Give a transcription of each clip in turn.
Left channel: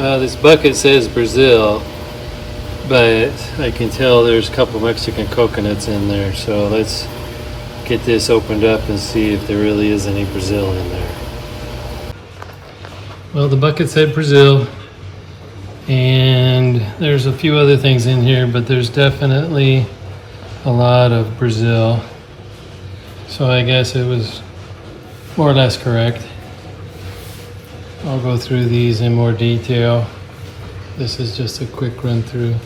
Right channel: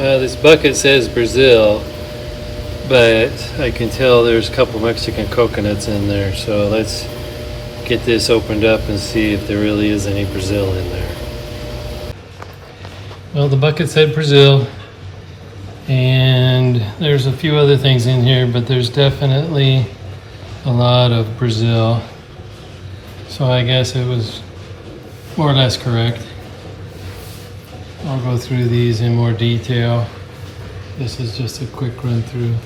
This bucket says Brazil, but I can tell there's a couple Mexican coconuts in there. So let's get this opened up and see if there really is any Brazil in there. Well, the bucket said Brazil, and there's a few other things in here, but there's definitely a lot of Brazil. So I guess it was more or less correct. I'll go through these in more detail. This is just a quick run through.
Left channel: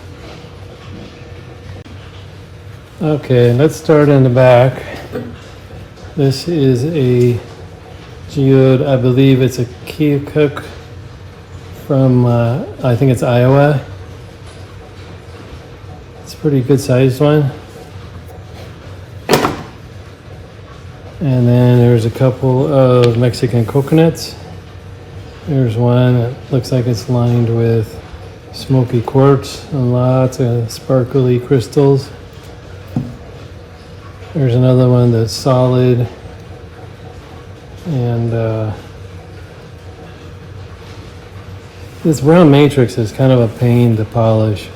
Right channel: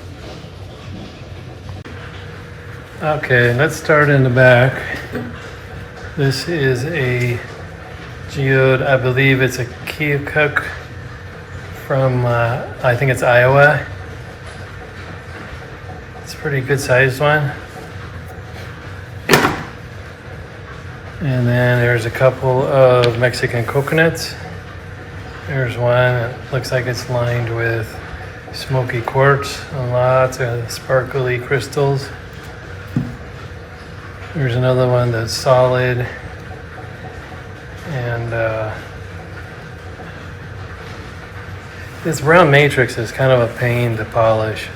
Okay, let's start in the back. This is a geode. I believe it's a Keokuk from, I think it's Iowa. It's a pretty good sized one. And then there's a couple of Mexican coconuts. There's one, looks like it's lined with smoky quartz and lots of sparkly crystals. There's another one that's solid, and this brown matrix is kind of a pain to polish,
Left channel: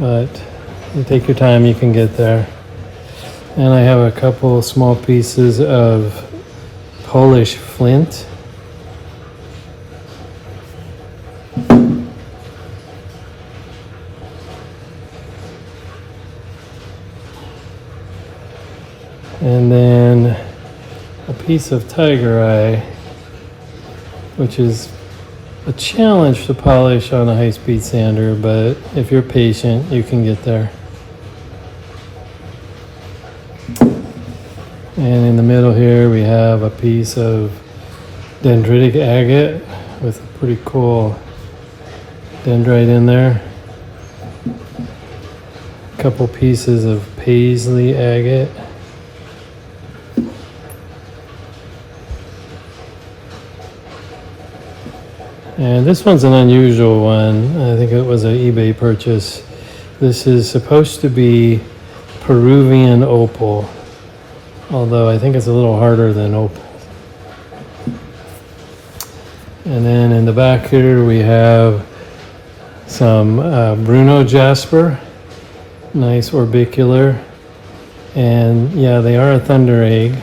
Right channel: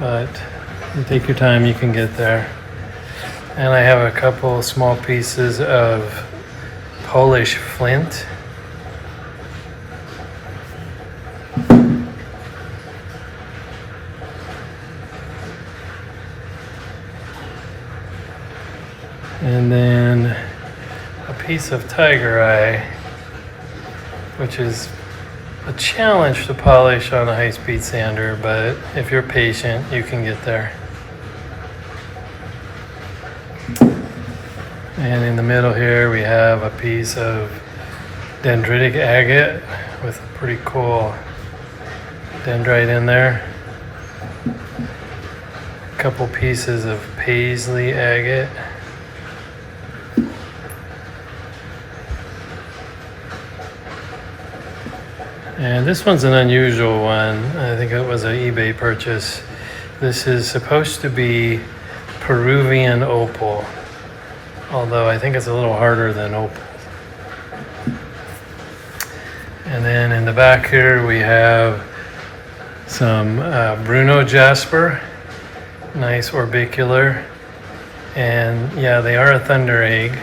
but you take your time, you can get there. And I have a couple small pieces of Polish flint. And then a piece of tiger eye, which is a challenge to polish on a high-speed sander, but if you're patient, you can get there. And in the middle here, we have a piece of dendritic agate with a pretty cool dendrite in there. A couple pieces of paisley agate. And this one's an unusual one. I think it was an eBay purchase. This is supposed to be Peruvian opal, although I think it's a little harder than opal. And then in the back here we have some Bruno jasper, nice orbicular, and yeah, they are a thunder egg.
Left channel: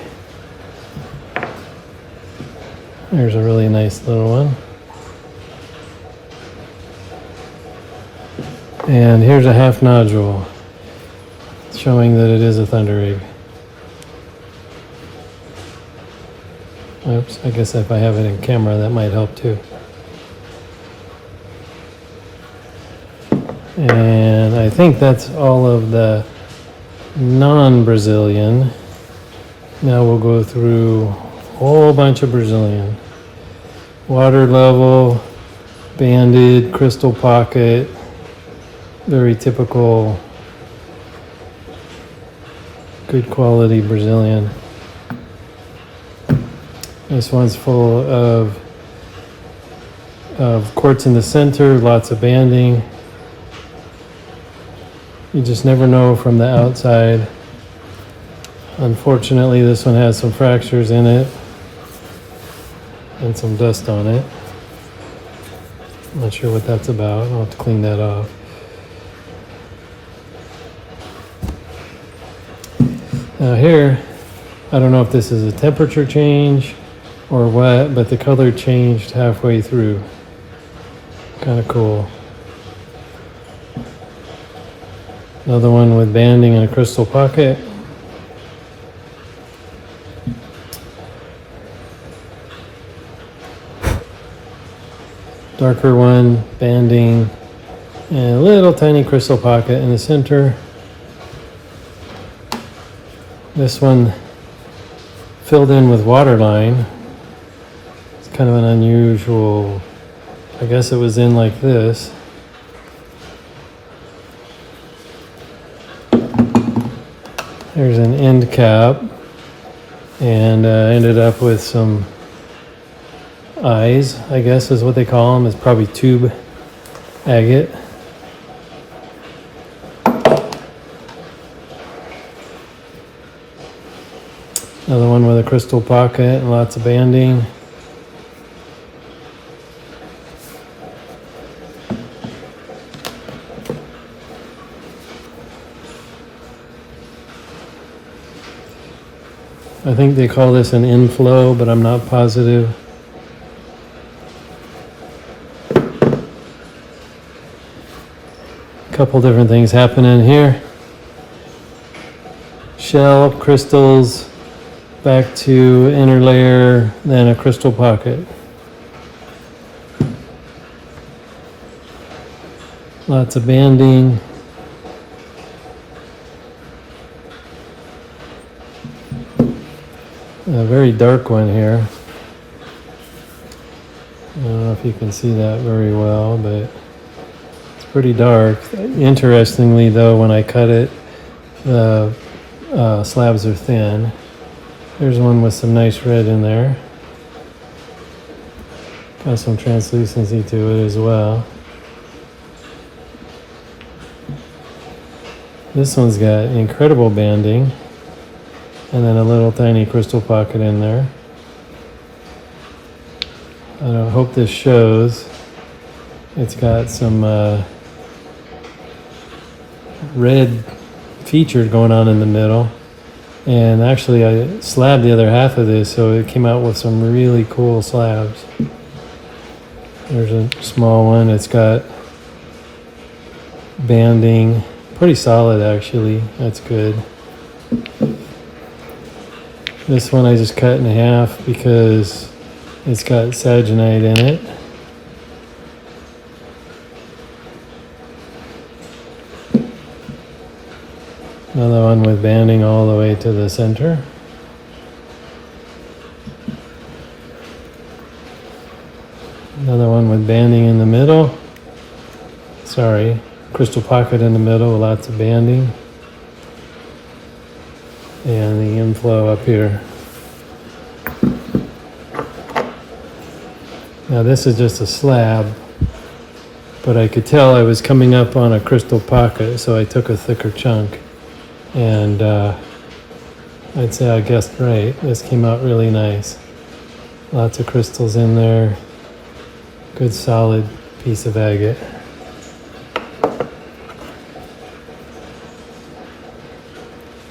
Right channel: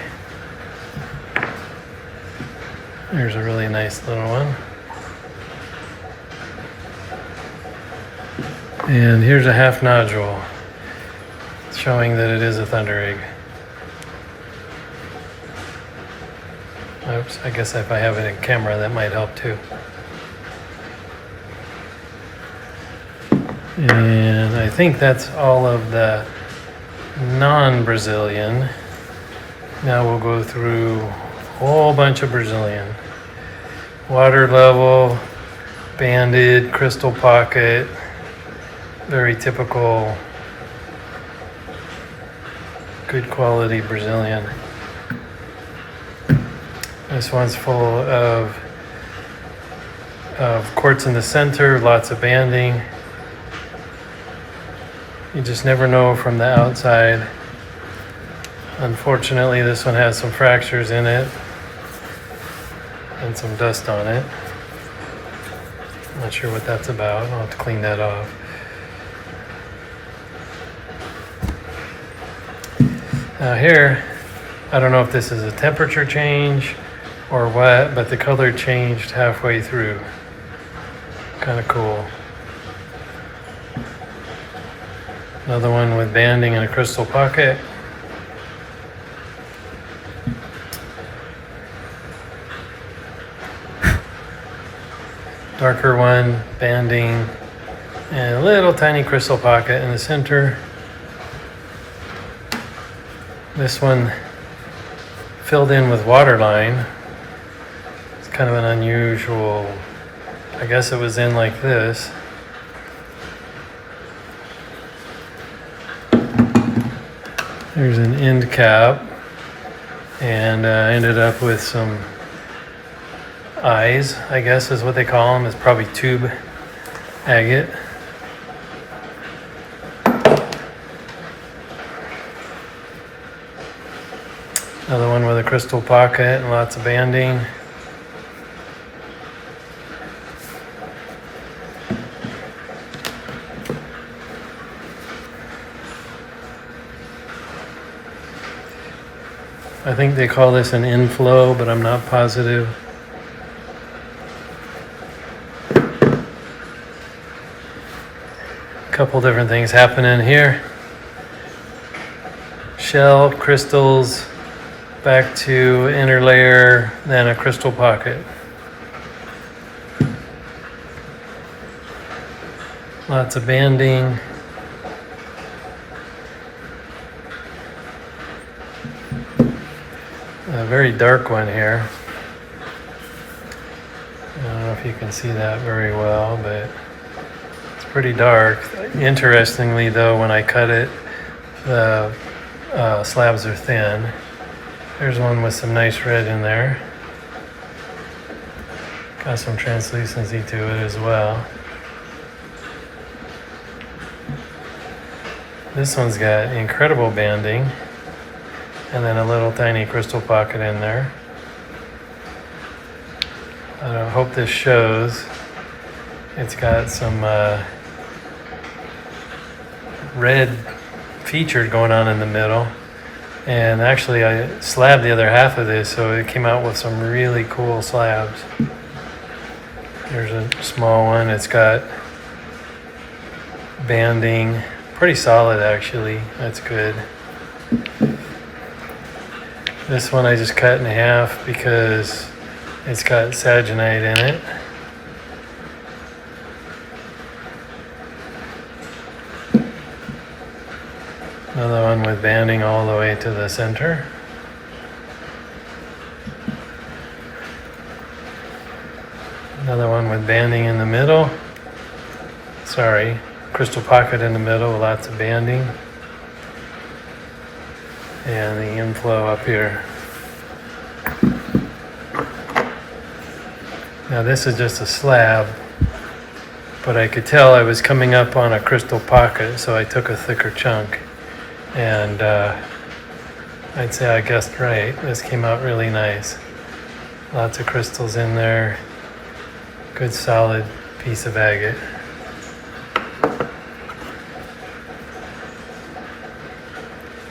There's a really nice little one. And here's a half nodule, showing that it is a thunder egg. Oops, I guess if I have it in camera, that might help too. And I think that's all of the non-Brazilian. Now we'll go through a whole bunch of Brazilian. Water level, banded, crystal pocket, very typical, good quality Brazilian. This one's full of quartz in the center, lots of banding. You just never know from the outside. Unfortunately, this one has some fractures in it and some dust on it. Not sure what that's about. I'll have to clean that off. Now here, I don't know if this is a temperature change or what, but the color changed halfway through. Kind of cool. Another one with banding in a crystal pocket. Darker one, banding, and a little tiny crystal pocket in the center. This one filled in with waterline. It's kind of an unusual, I guess it was in like this. There's an end cap, and ended up with some eyes, I guess is what they call them. It's probably tube agate. Another one with a crystal pocket and lots of banding. I think they call this an inflow, but I'm not positive. A couple different things happening here. Shell, crystals, back to inner layer, then a crystal pocket. Lots of banding. A very dark one here. I don't know if you can see that very well, but it's pretty dark. Interestingly though, when I cut it, the slabs are thin. There's one with some nice red in there. Got some translucency to it as well. This one's got incredible banding. And then a little tiny crystal pocket in there. I hope this shows. It's got some red feature going on in the middle. And actually I slabbed the other half of this, so it came out with some really cool slabs. There's a small one. It's got banding. Pretty solid actually. That's good. This one I just cut in half because it's got saginite in it. Another one with banding all the way to the center. Another one with banding in the middle. Sorry, crystal pocket in the middle with lots of banding. And the inflow up here. Now this is just a slab, but I could tell I was coming up on a crystal pocket, so I took a thicker chunk. And I'd say I guessed right. This came out really nice. Lots of crystals in there. Good solid piece of agate.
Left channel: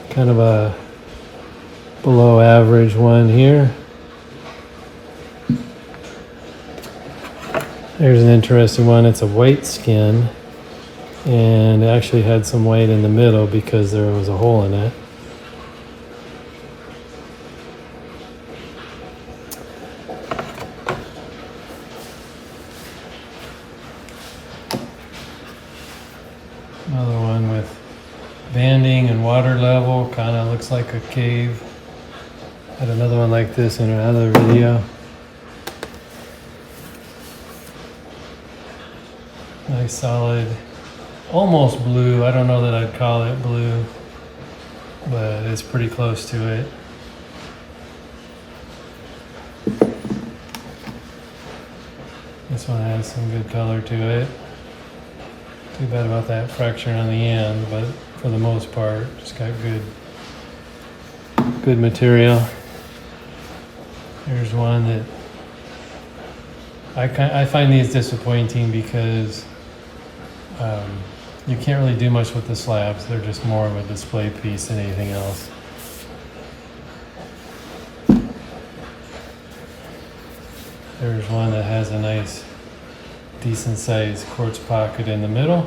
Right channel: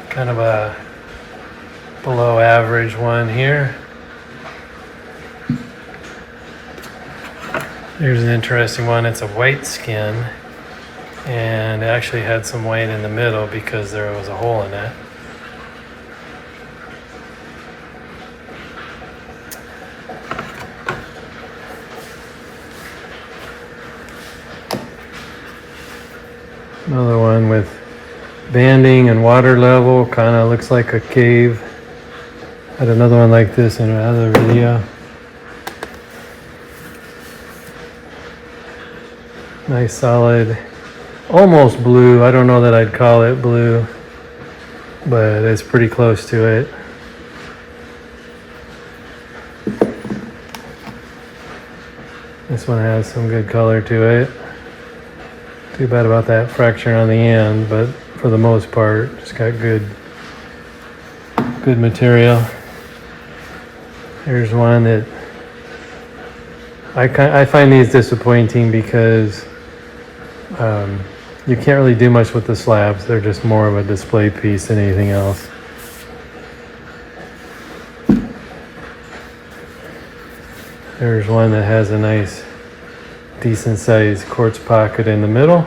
Kind of a below average one here. There's an interesting one. It's a white skin, and it actually had some white in the middle because there was a hole in it. Another one with banding and water level, kind of looks like a cave. Had another one like this in another video. Nice solid, almost blue. I don't know that I'd call it blue, but it's pretty close to it. This one has some good color to it. Too bad about that fracture on the end, but for the most part, just got good material. Here's one that I find these disappointing because you can't really do much with the slabs. They're just more of a display piece than anything else. There's one that has a nice, decent sized quartz pocket in the middle.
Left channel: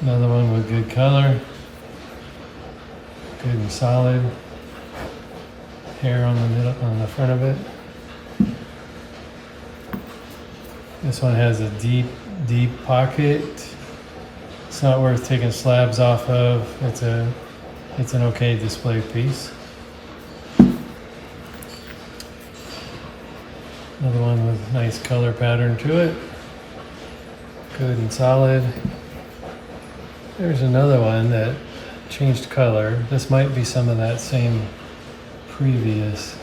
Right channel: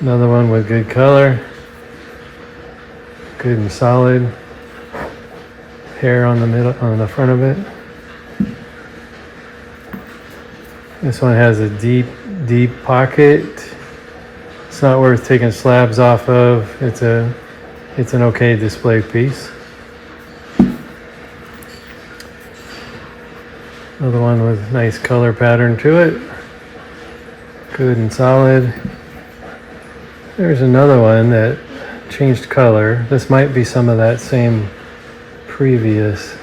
Another one with good color, good and solid hair on the middle, on the front of it. This one has a deep pocket. It's not worth taking slabs off of. It's an okay display piece. Another one with nice color pattern to it. Good and solid. There's another one that changed color. This might be some of that same previous.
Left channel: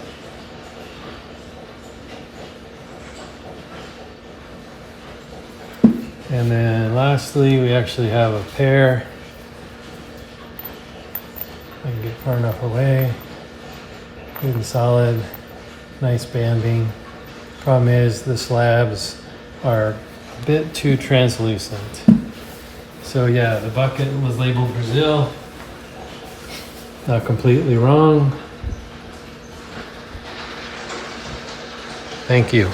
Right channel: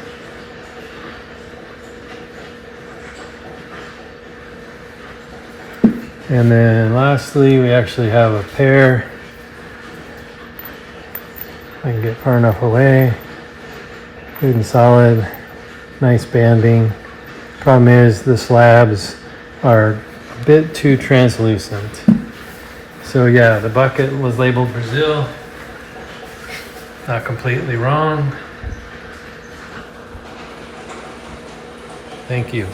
And then lastly, we actually have a pair. I can get far enough away. Good and solid, nice banding. Problem is the slabs are bit too translucent. So yeah, the bucket was labeled Brazil. Not completely wrong. Thank you.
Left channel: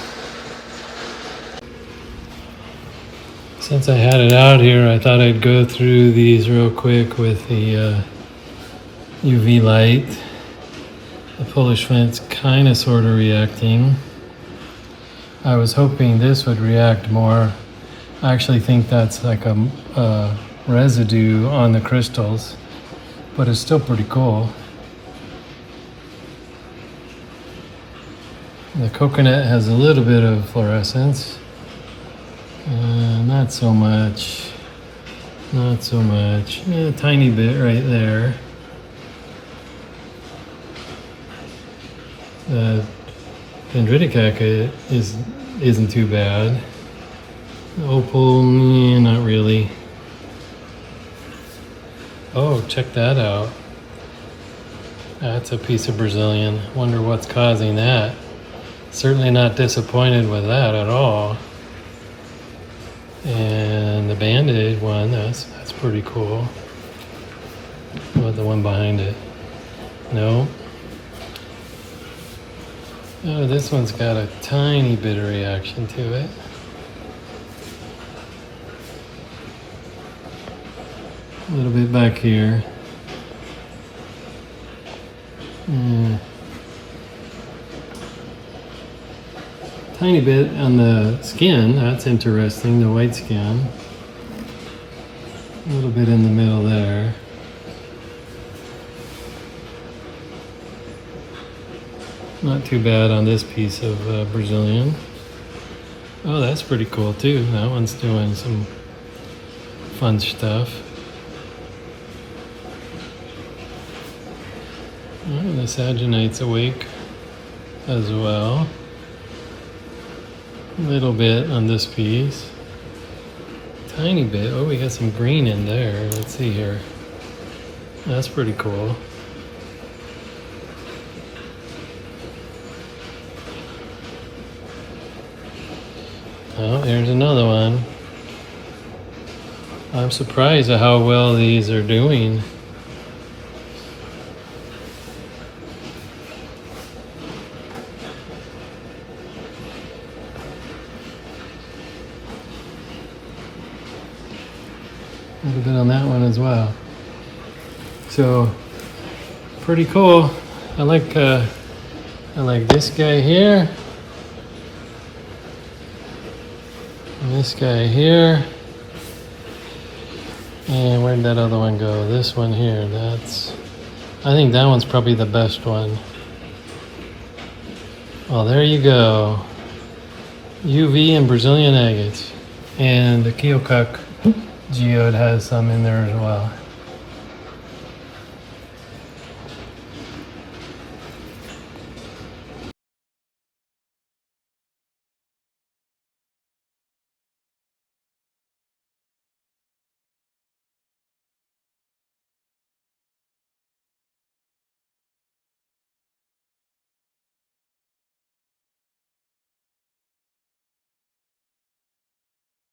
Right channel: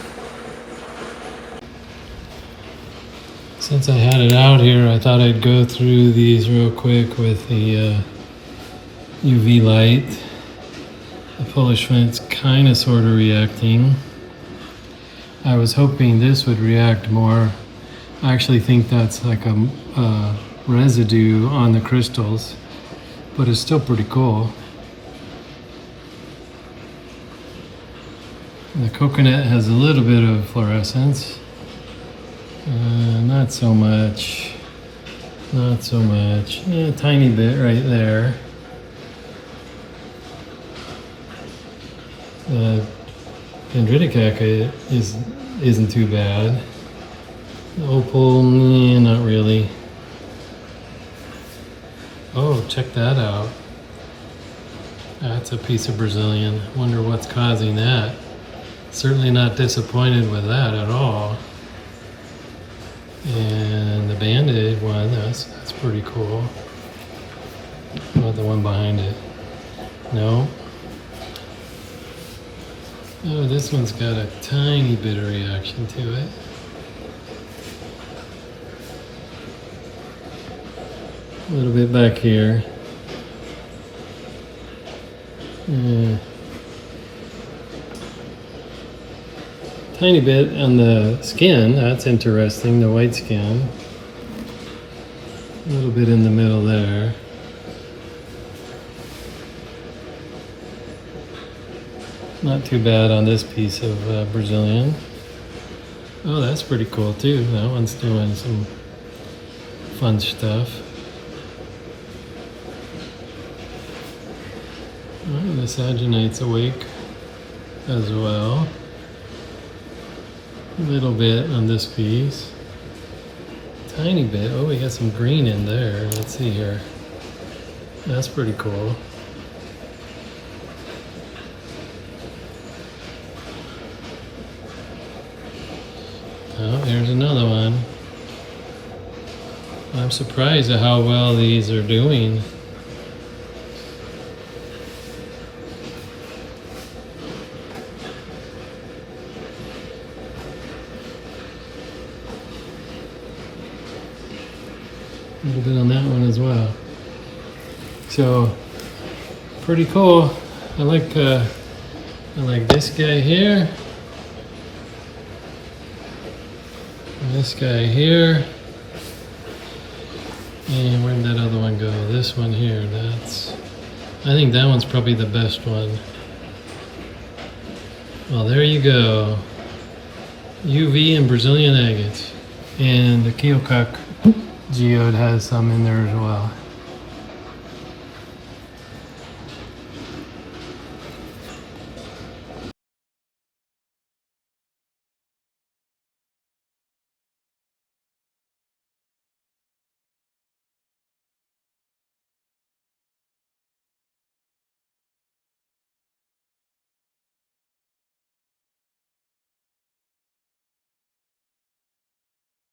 Since I had it out here, I thought I'd go through these real quick with the UV light. The Polish flint's kind of sort of reacting. I was hoping this would react more. I actually think that's like a residue on the crystals, but it's still pretty cool. The coconut has a little bit of fluorescence. Not so much. Not so much. A tiny bit right there. Dendritic agate isn't too bad. Opal, not really. Oh, check that out. That's a piece of Brazilian. Wonder what's causing that. Certainly not disappointed with that at all. And the Band-Aid one, that's pretty cool. What about the one behind it? No. Oh, this one's got a tiny bit of reaction to it. A little bit back here. Tiny bit on the skin, that's interesting, the white skin. A little bit in the middle there. Not too bad on this piece of Brazilian. Oh, that's pretty cool too. That one's doing some fun stuff. Oh, this agenite's awake as well. A little bit on this piece. Tiny bit. Oh, we got some green in there. Let's see here. That's pretty cool. Oh, here's another one. I'm surprised at how well these are doing. A little bit on that one as well. So pretty cool. I like this guy here. And this guy here. And where'd that other one go? This one here. I think that one's probably the best one. Well, there you go. UV and Brazilian agates. And the Keokuk geode has some in there as well.